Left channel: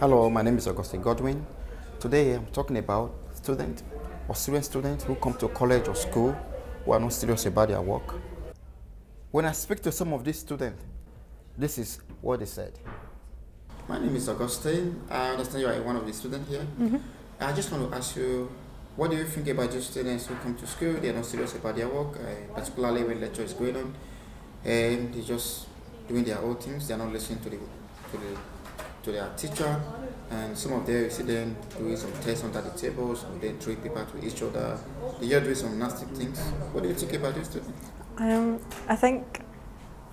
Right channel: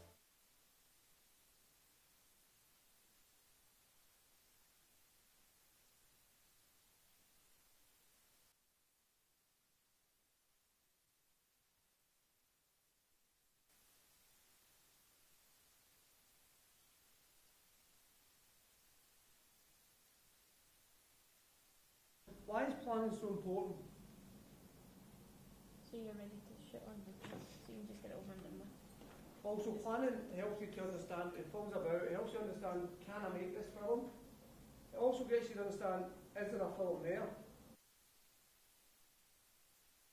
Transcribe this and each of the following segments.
Hello, my name is Augustine Godwin. Today I'm talking about students or students who come to college or school who are not serious about their work. When I speak to some of these students, this is what they said. My name is Augustine. I understand you are one of the students here. I just want to ask you, what do you think about these students who come to school, they are not serious about their work, particularly when lecture is going on, and they're just doing their own things, they're not listening to their teacher, and some of them, you see them doing some tests under the tables, or they throw paper to each other, they're doing some nasty things. What do you think about these students? I think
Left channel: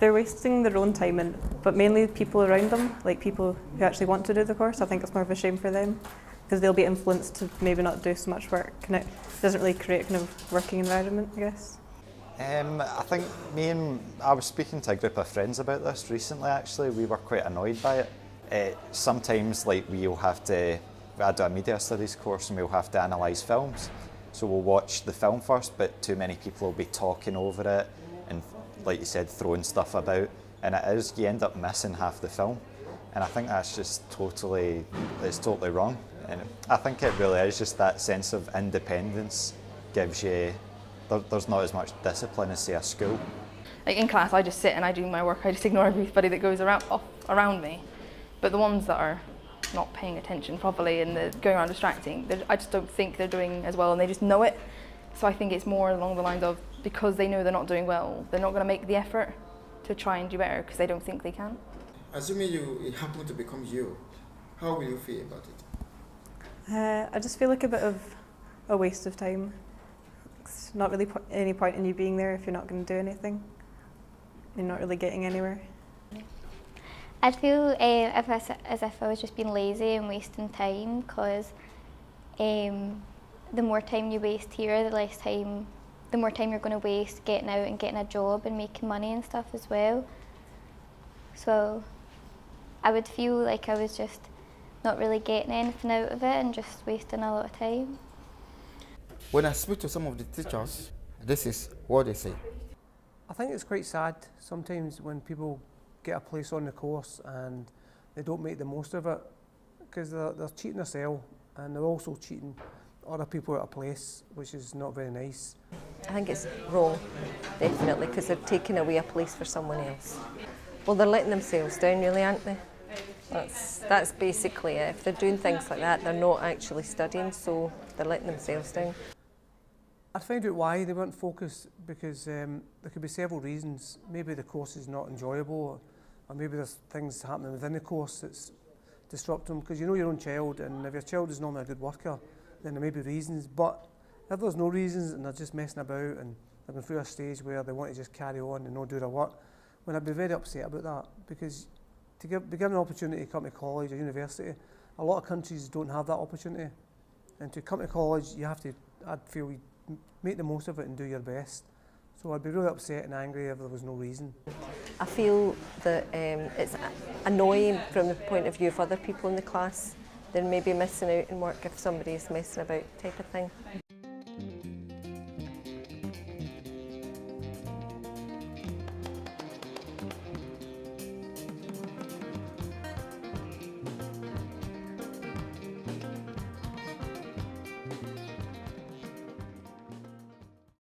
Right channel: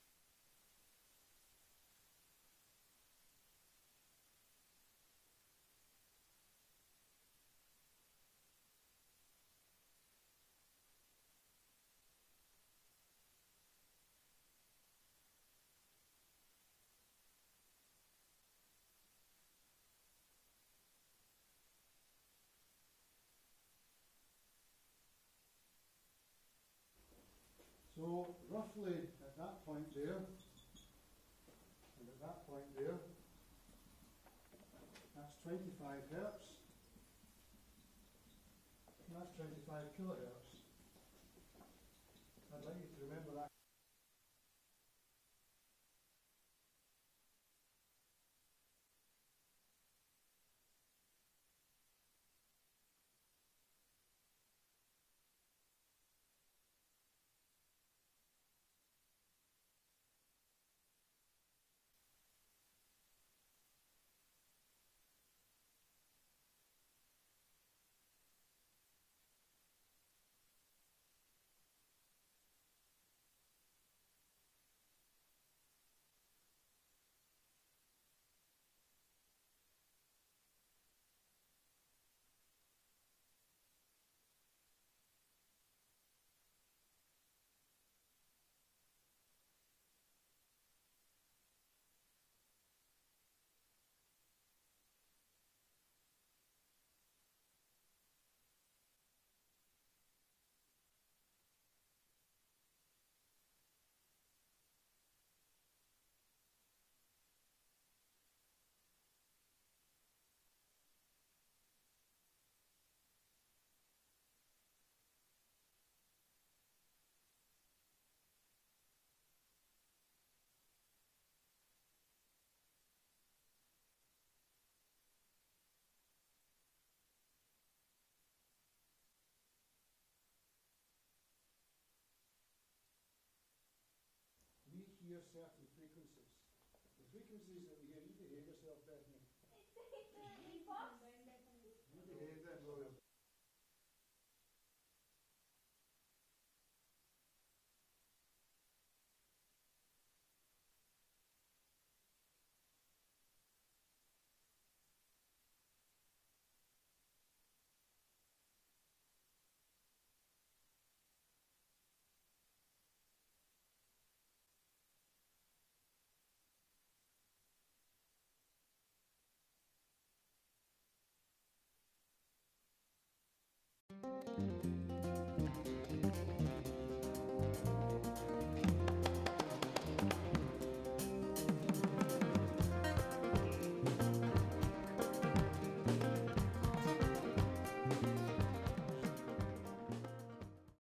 they're wasting their own time, but mainly people around them, like people who actually want to do the course. I think it's more of a shame for them because they'll be influenced to maybe not do so much work, and it doesn't really create a kind of working environment, I guess. I think I was speaking to a group of friends about this recently. Actually, we were quite annoyed by it. Sometimes, like, I do a media studies course, and we'll have to analyse films. So we'll watch the film first, but too many people will be talking over it and, like you said, throwing stuff about. And you end up missing half the film. And I think that's just totally wrong. And I think it really is just that sense of independence gives you, there's not as much discipline as, say, a school. Like in class, I just sit and I do my work. I just ignore everybody that goes around me. But the ones that are not paying attention properly and they're going around distracting, I just don't think they're doing as well, and they just know it. So I think it's more along the lines of, because they know they're not doing well, they're not going to make the effort to try and do better because they don't think they can. Assuming it happened to become you, how will you feel about it? I just feel like a bit of a waste of time. It's not really any point in you being there if you're not going to do anything. You're not really getting anywhere. I'd feel as if I was just being lazy and wasting time, because the more time you waste here, the more time you're going to waste getting out and getting a job and making money and stuff as well. So I would feel like I was just not really getting anything out of it and just wasting a lot of time. When I speak to some of the teachers, this is what they say. I think it's quite sad sometimes when people get a place on the course and they don't make the most of it, because they're cheating themselves and they're also cheating other people out of place, which is not very nice. I think it's wrong, definitely, because they're taking away a place for someone else. Well, they're letting themselves down, really, aren't they? That's basically it. If they're doing things like that, they're not actually studying, so they're letting themselves down. I'd find out why they weren't focused, because there could be several reasons. Maybe the course is not enjoyable, or maybe there's things happening within the course that's disrupting them, because you know your own child, and if your child is normally a good worker, then there may be reasons. But if there's no reasons and they're just messing about and they're going through a stage where they want to just carry on and not do their work, well, I'd be very upset about that, because to be given an opportunity to come to college or university, a lot of countries don't have that opportunity. And to come to college, I'd feel, make the most of it and do your best. So I'd be really upset and angry if there was no reason. I feel that it's annoying from the point of view of other people in the class. They're maybe missing out in work if somebody's messing about, type of thing.